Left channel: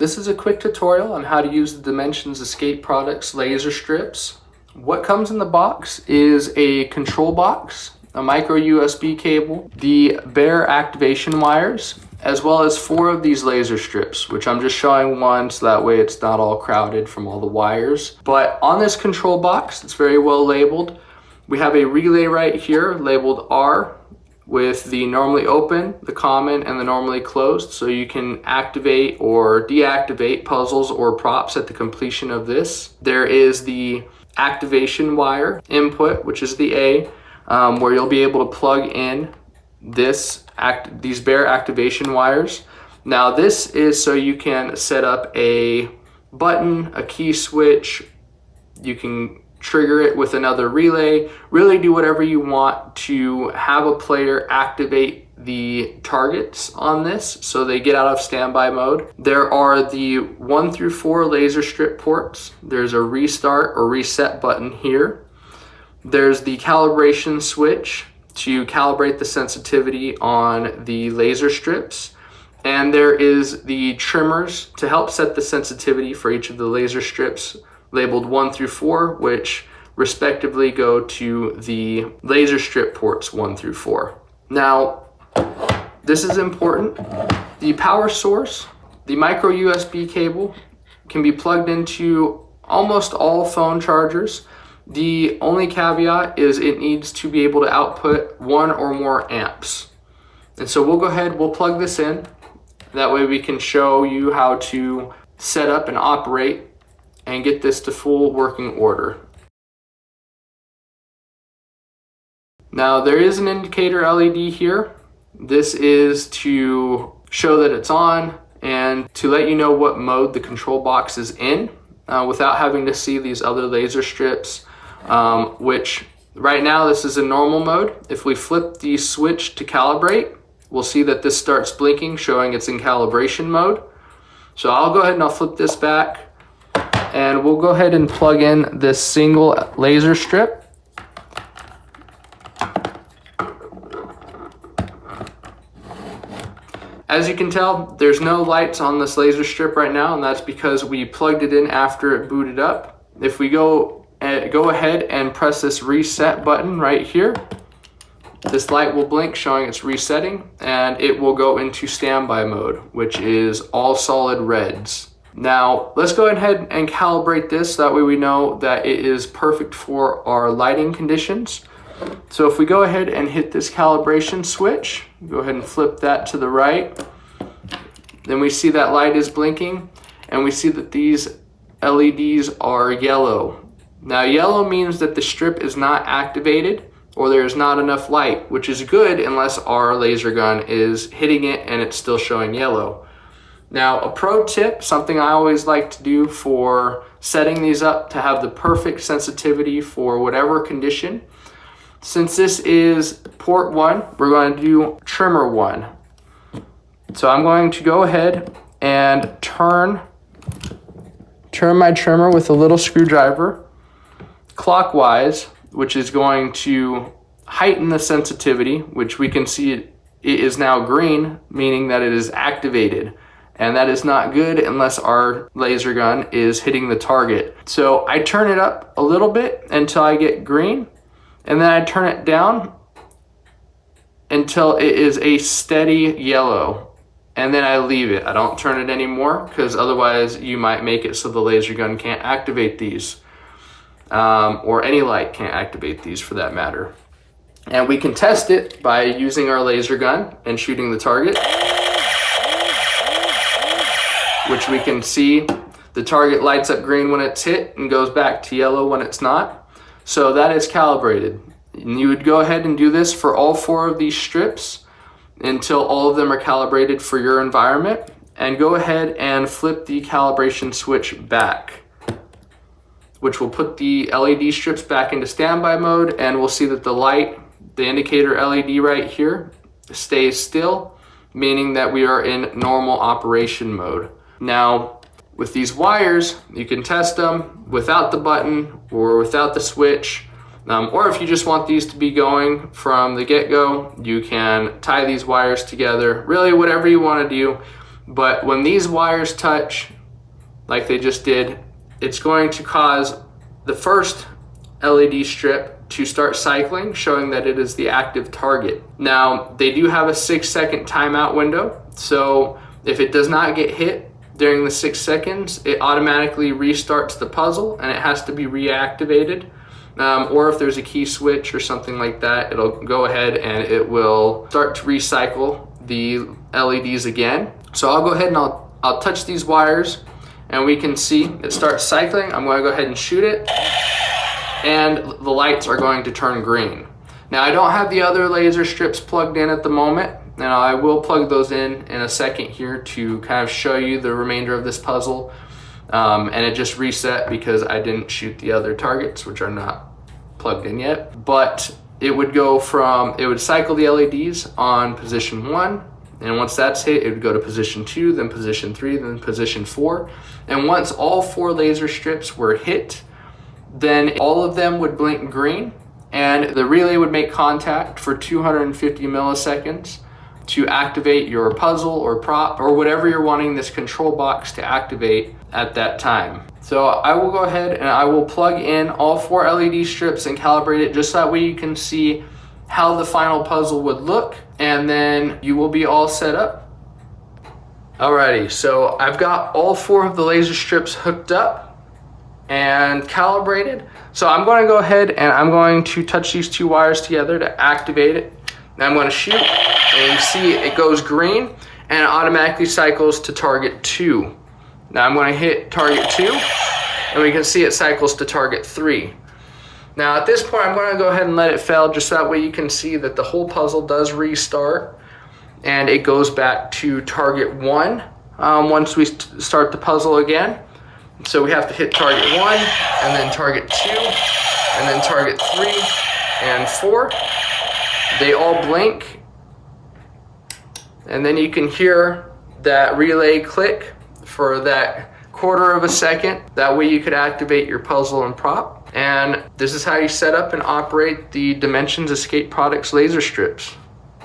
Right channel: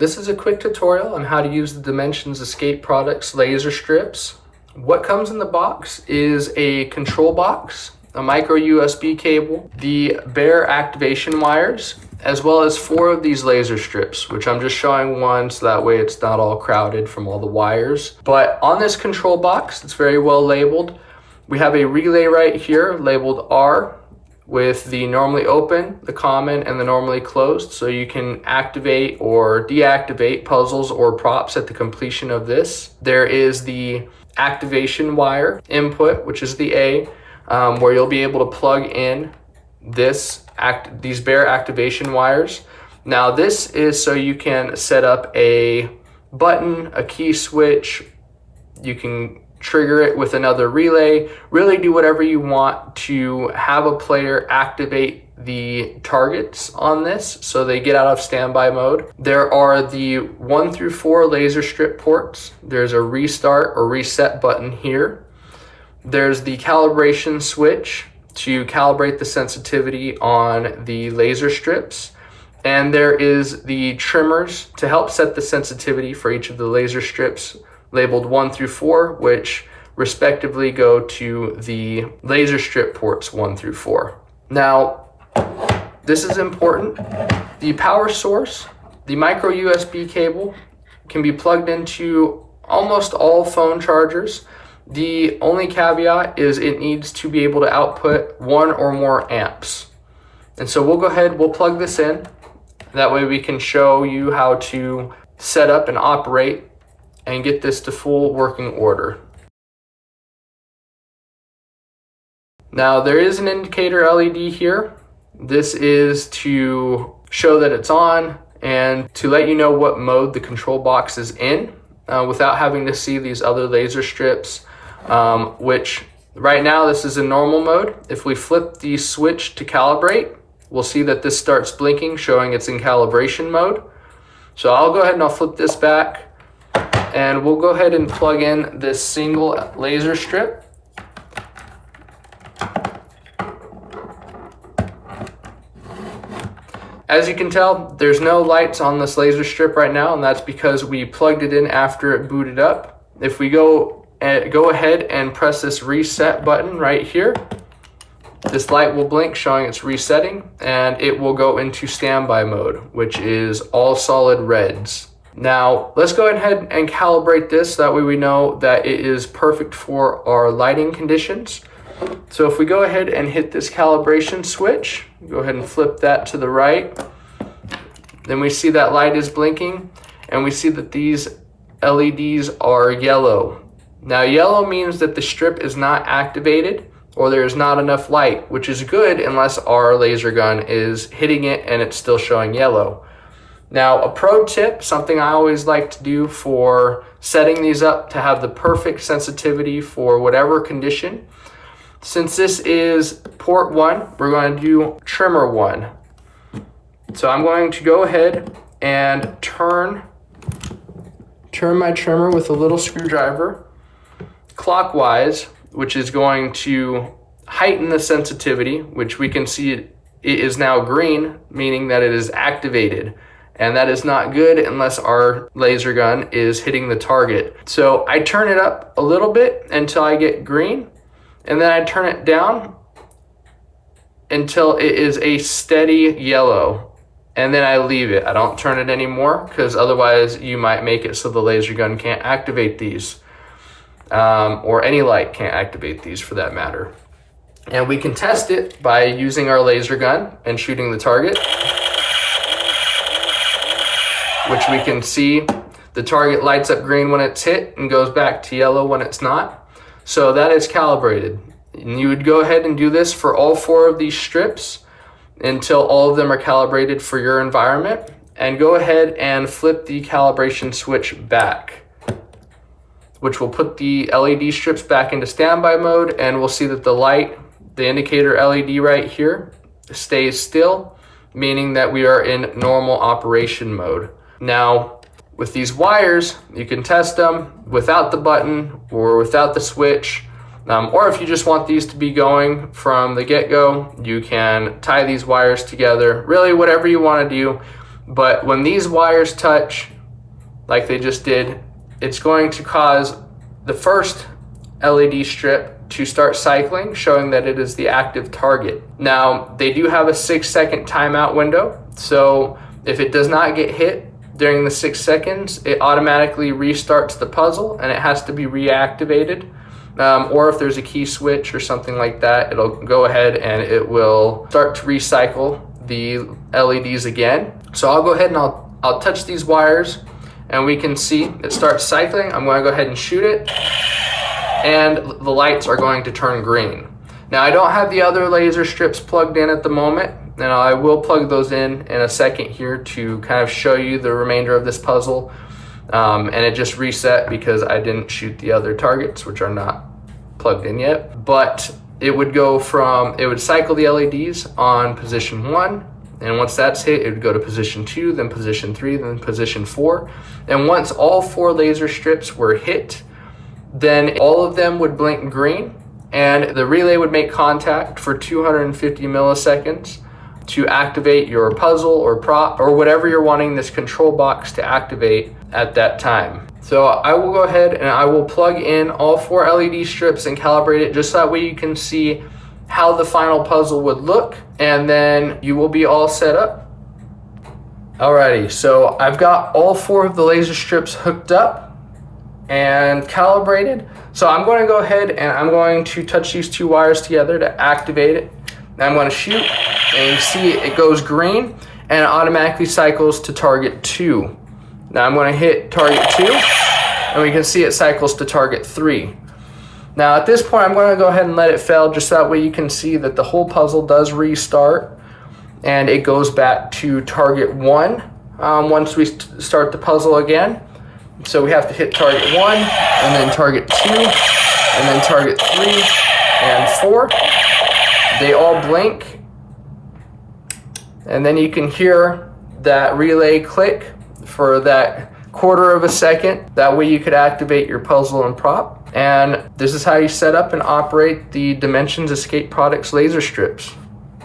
This is a quick tutorial on how to use the Dimensions Escape Products laser strips. What comes in the box is a control box, a micro USB cable, the bare activation wires, as well as 4 of these laser strips, which I'm just showing one so that way it's not all crowded from all the wires. But on this control box, it's very well labeled. We have a relay right here labeled R with the normally open, the common, and the normally closed, so you can activate or deactivate puzzles or props at the completion of this. There is the activation wire input, which is the A, where you'll be able to plug in these bare activation wires. Now this is so you can set up a button, a key switch, you can trigger it with another relay, really do whatever you want to have a player activate the targets on this so they get out of standby mode. There are the 1 through 4 laser strip ports. There's a restart or reset button here. There's the calibration switch to calibrate the sensitivity on the laser strips. And there is the trimmers to help set the sensitivity for each of the laser strips labeled 1 through 4, which respectively go to the laser strip ports 1 through 4. Now, this is important. The power source, the micro USB cable, can be plugged into almost all phone chargers. The only caveat is it needs to be able to output 1 or more amps. And so we'll go ahead, we'll plug this in. That way we can show you how to set up and operate and get this to full working order. Now there is an indicator LED here. This is to show that it's on and to let you know what mode the control box is in without having to see these other laser strips, which right now this is in normal mode. If we flip the switch to calibrate, we'll see that this starts blinking, showing it's in calibration mode. So I'll go ahead and I'll flip this back, and we'll go ahead and plug in this single laser strip. As you can tell, there's no lights on this laser strip right now, and that's because we plugged it in after it booted up. If we go ahead and press this reset button right here, this light will blink showing it's resetting, and it will go into standby mode, which is all solid reds. Now, let's go ahead and calibrate this, that way we know that it is perfect for our lighting conditions. So if we go ahead and hit this calibration switch, go ahead and flip that to the right, then we see that light is blinking, and we see that these LEDs are yellow. Now, yellow means that the strip is not activated or there's not enough light, which is good unless our laser gun is hitting it and it's still showing yellow. Now, a pro tip, something I always like to do for setting these up to have the perfect sensitivity for whatever condition. Since this is port 1, we're going to do trimmer 1. So I'm going to go ahead and turn my trimmer with a little screwdriver clockwise, which is going to heighten the sensitivity, which we can see it is now green, meaning that it is activated. And that is not good unless our laser gun is hitting the target. So I turn it up a little bit until I get green, and then I turn it down until it is a steady yellow, and then I leave it. I don't turn it anymore, because otherwise you might make it so the laser gun can't activate these, or any light can't activate these for that matter. And we can test it by using our laser gun and shooting the target, which we can see the target lights up green when it's hit and goes back to yellow when it's not. So that is calibrated. And you would go ahead and do this for all 4 of these strips until all of them are calibrated for your environment. And go ahead and flip the calibration switch back, which will put the LED strips back into standby mode, and we'll see that the light, the indicator LED right here, stays still, meaning that we are in normal operation mode. Now, with these wires, you can test them without the button or without the switch, or if you just want these to be going from the get-go, you can tie these wires together. Really, whatever you want to do, But when these wires touch, like they just did, it's going to cause the first LED strip to start cycling, showing that it is the active target. Now, they do have a 6-second timeout window, so if it does not get hit during the 6 seconds, it automatically restarts the puzzle and it has to be reactivated. Or if there's a key switch or something like that, it'll go ahead and it will start to recycle the LEDs again. So I'll go ahead and I'll touch these wires and we can see it starts cycling. I'm going to go ahead and shoot it, and the lights are going to turn green. Now, I don't have the other laser strips plugged in at the moment, and I will plug those in a second here to kind of show you the remainder of this puzzle. And it just reset because I didn't shoot the other targets, which are not plugged in yet. But it would cycle the LEDs on position 1, and once that's hit, it would go to position 2, then position 3, then position 4. And once all 4 laser strips were hit, then all of them would blink green, and the relay would make contact for 250 milliseconds to activate your puzzle or prop or whatever you're wanting this control box to activate at that time. So I will go ahead and I will plug in all 4 LED strips and calibrate it just that way you can see how the final puzzle would look, and then you will be all set up. Alrighty, so I've got all 4 of the laser strips hooked up and calibrated. So I'm going to go ahead and I'm going to touch these 2 wires together to activate it. Now I'm going to shoot, and you see it goes green and it automatically cycles to target 2. Now I'm going to hit target 2 and we can see it cycles to target 3. Now at this point I'm going to go ahead and let it fail just so that way you can see that the whole puzzle does restart and it goes back to target 1 once we start the puzzle again. So we have to hit target 1 and then target 2 and then target 3 and 4. They all blink, and then you can hear that relay click for that 1/4 of a second. That way you could activate your puzzle and prop. And this is how you set up and operate the Dimensions Escape Products laser strips.